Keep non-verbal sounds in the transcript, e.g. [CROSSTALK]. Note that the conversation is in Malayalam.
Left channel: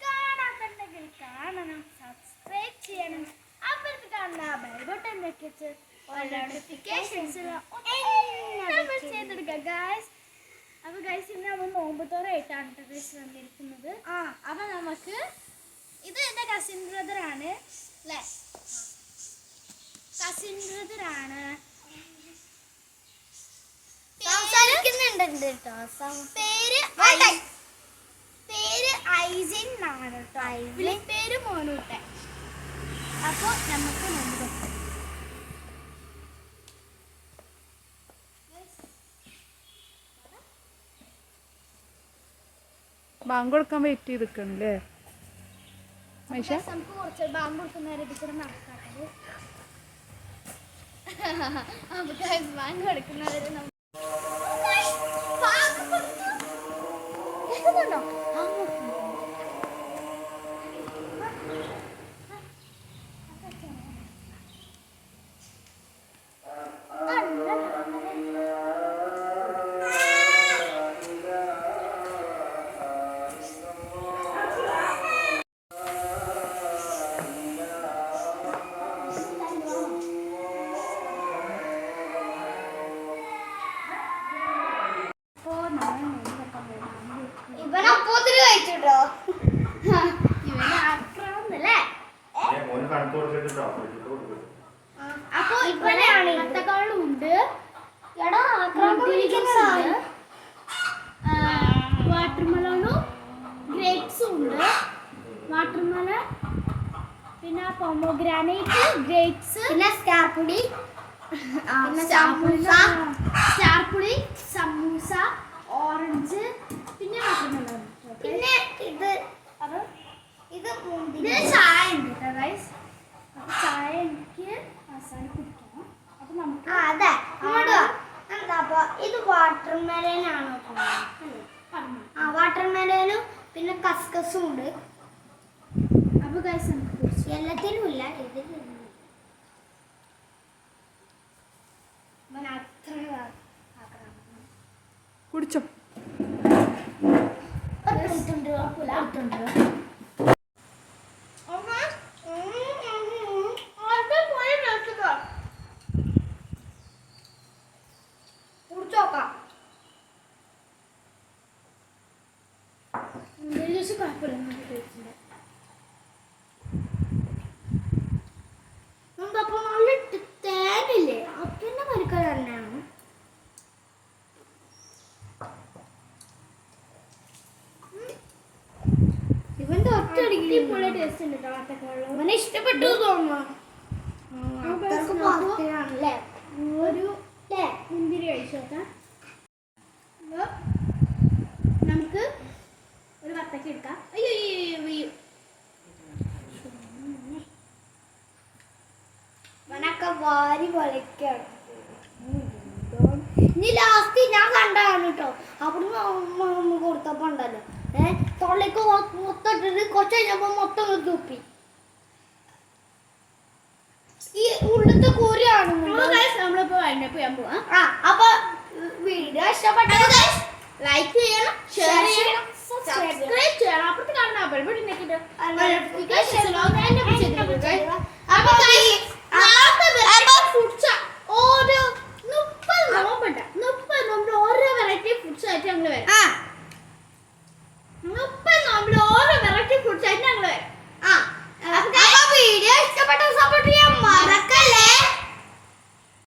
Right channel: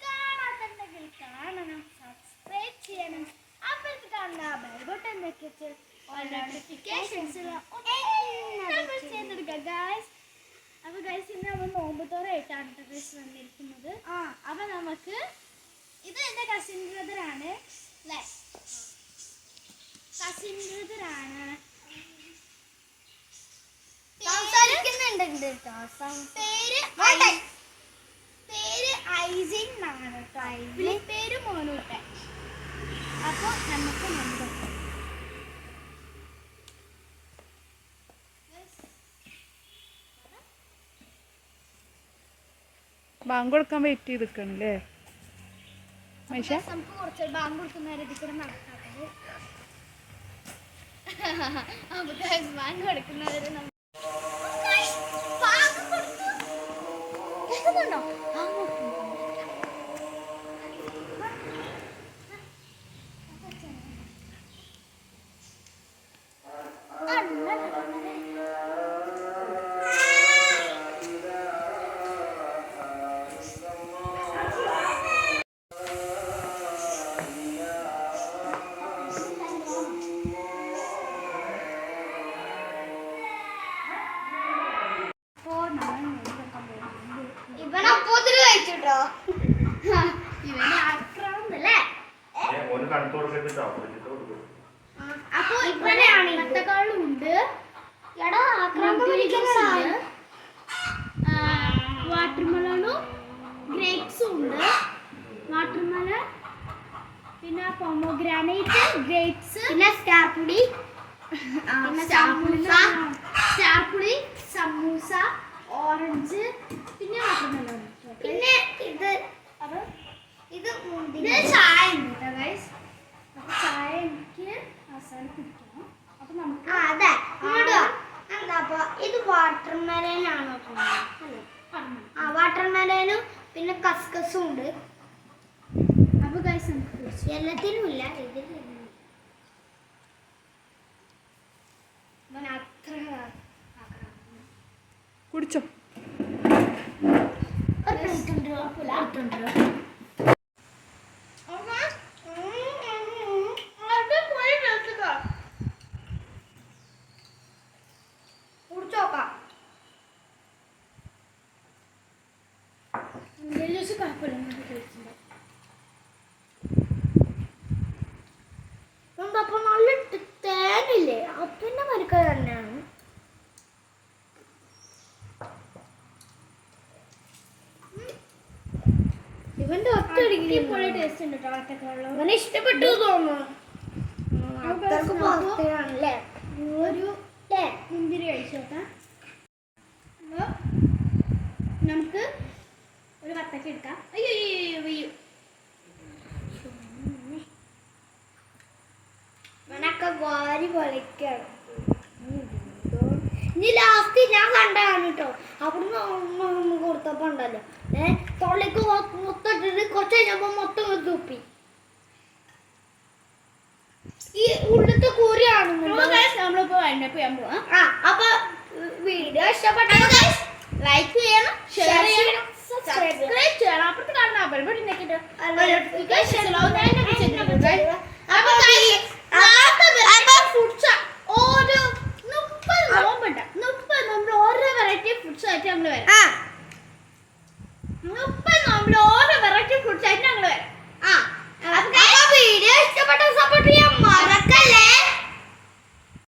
കാണാത്തുണ്ടെങ്കിൽ കാണണം സബ്സ്ക്രൈബ് ചെയ്യണം അപ്പുറത്ത് കാണുന്ന ബെൽ ബട്ടൺ വെക്കിച്ച് അപ്പൊ ഗൈസ് ഇന്ന് നമ്മൾ നോമ്പത്തോറായിട്ടാണ് ഗൈസ് വന്നിരിക്കുന്നത് ആ അപ്പൊ നമുക്ക് ഇത് എന്റെ കസിൻ ബ്രദർ ആണ് കസിൻ ബ്രദർ ആണ് കേട്ടോ പേര് പേര് ഐസിൻ എന്നാണ് കേട്ടോ. പേര് മോനൂട്ടൻ അപ്പോൾ നമുക്ക് ബാങ്ക് കൊടുക്കാൻ വെയിറ്റ് ചെയ്ത് നിൽക്കണല്ലേ മൈഷ നമുക്ക് കുറച്ച് ബാങ്ക് കൊടുക്കുന്നവരെ നടക്കാത്തത് [LAUGHS] നമുക്ക് ബാങ്ക് കൊടുക്കുന്നവര് കേൾക്കുന്നുണ്ടോ? ബാങ്ക് കഴിച്ചിട്ടോ ഇവന് ആക്രാന്തല്ലേ? അപ്പൊ ഇവിടെ അങ്ങനത്തെക്കാളും ഉണ്ട് എടാ ആക്രാന്തം പിടിക്കുന്നതാ. വാട്ടർമെലണും ഗ്രേപ്സും ഉണ്ട് വാട്ടർമെലൺ പിന്നെ പൊമോഗ്രാനൈറ്റ് ഗ്രേപ്സ് പിന്നെ സ്കാർപ്പുടി പിന്നെ സമൂസ. സ്റ്റാർപ്പുളി സമൂസ ഓറഞ്ച് പിന്നെ വാട്ടർമെലൺ പിന്നെ ഇത് അപ്പൊ ഇത് ഇത് മുന്തിരി ചായ ഉണ്ട് കേട്ടോ ഗൈസ് അപ്പൊ ചായ എനിക്ക് അവസാനം കുടിക്കണം അപ്പൊ നമുക്ക് ആ അതെ ഇങ്ങോട്ട് വാ. എന്താ അപ്പൊ ഇത് വാട്ടർ മെലൻ ആണോ. ആ വാട്ടർ മെലനും പിന്നെ കസ്കസും ഉണ്ട്. അപ്പൊ ഗൈസ് നമുക്ക് കുടിച്ചു എല്ലാത്തിനും ഇല്ല ഇതിലും കുടിച്ചോ. കുഴപ്പമില്ല. അപ്പൊ നല്ല തേനില്ലേ? അതിന്റെ മരിക്ക തന്നെയാണ്. ഇവന്റെ അടിപൊളി ടേസ്റ്റ് ഉണ്ട് കേട്ടോ വത്തക്കവെള്ളം ഇവന് ഇഷ്ടപ്പെട്ടു തോന്നുന്നു. ഒരു വത്തക്ക എടുക്കാം. അയ്യോ അയ്യോ, അയ്യോ അയ്യോ വാരി വലിക്കണം. ഇനി ലാസ്റ്റ് ഞാൻ കണ്ടാണ് കേട്ടോ അവിടുന്ന് അമ്മ കൊടുത്തപ്പോ ഉണ്ടല്ലോ ഏ തൊള്ളിക്ക് മൊത്തം ഇട്ടിട്ട് കുറച്ച് കഴിഞ്ഞപ്പോ മൊത്തം തുപ്പി. ഈ ഉള്ളത്തെ guys, നമ്മളിപ്പോ വൈൻഡപ്പ് ചെയ്യാൻ പോവാം. അപ്പൊ വീഡിയോ ഇഷ്ടപ്പെട്ടത് ലൈക്ക് ചെയ്യണം ഷെയർ ചെയ്യണം. സബ്സ്ക്രൈബ് ചെയ്യണം. അപ്പുറത്ത് കാണുന്ന ബെൽ ബട്ടൺ ഞെക്കിട്ട് notification അപ്പൊ guys, നാളത്തെ വെറൈറ്റി ഫുഡ്സ് ഓരോ മുപ്പത് നോമ്പുണ്ട്. മുപ്പത് നോമ്പിൽ ഓരോ വെറൈറ്റി ഫുഡ്സ് ആയിട്ട് ഞങ്ങൾ വരും. ആ. മുപ്പത് നോമ്പിൽ ഓരോ വെറൈറ്റി ഫുഡ്സ് ആയിട്ട് ഞങ്ങൾ വരും. ആ. അപ്പൊ വീഡിയോ ഇഷ്ടപ്പെട്ട സപ്പോർട്ട് ചെയ്യാൻ മറക്കരുത്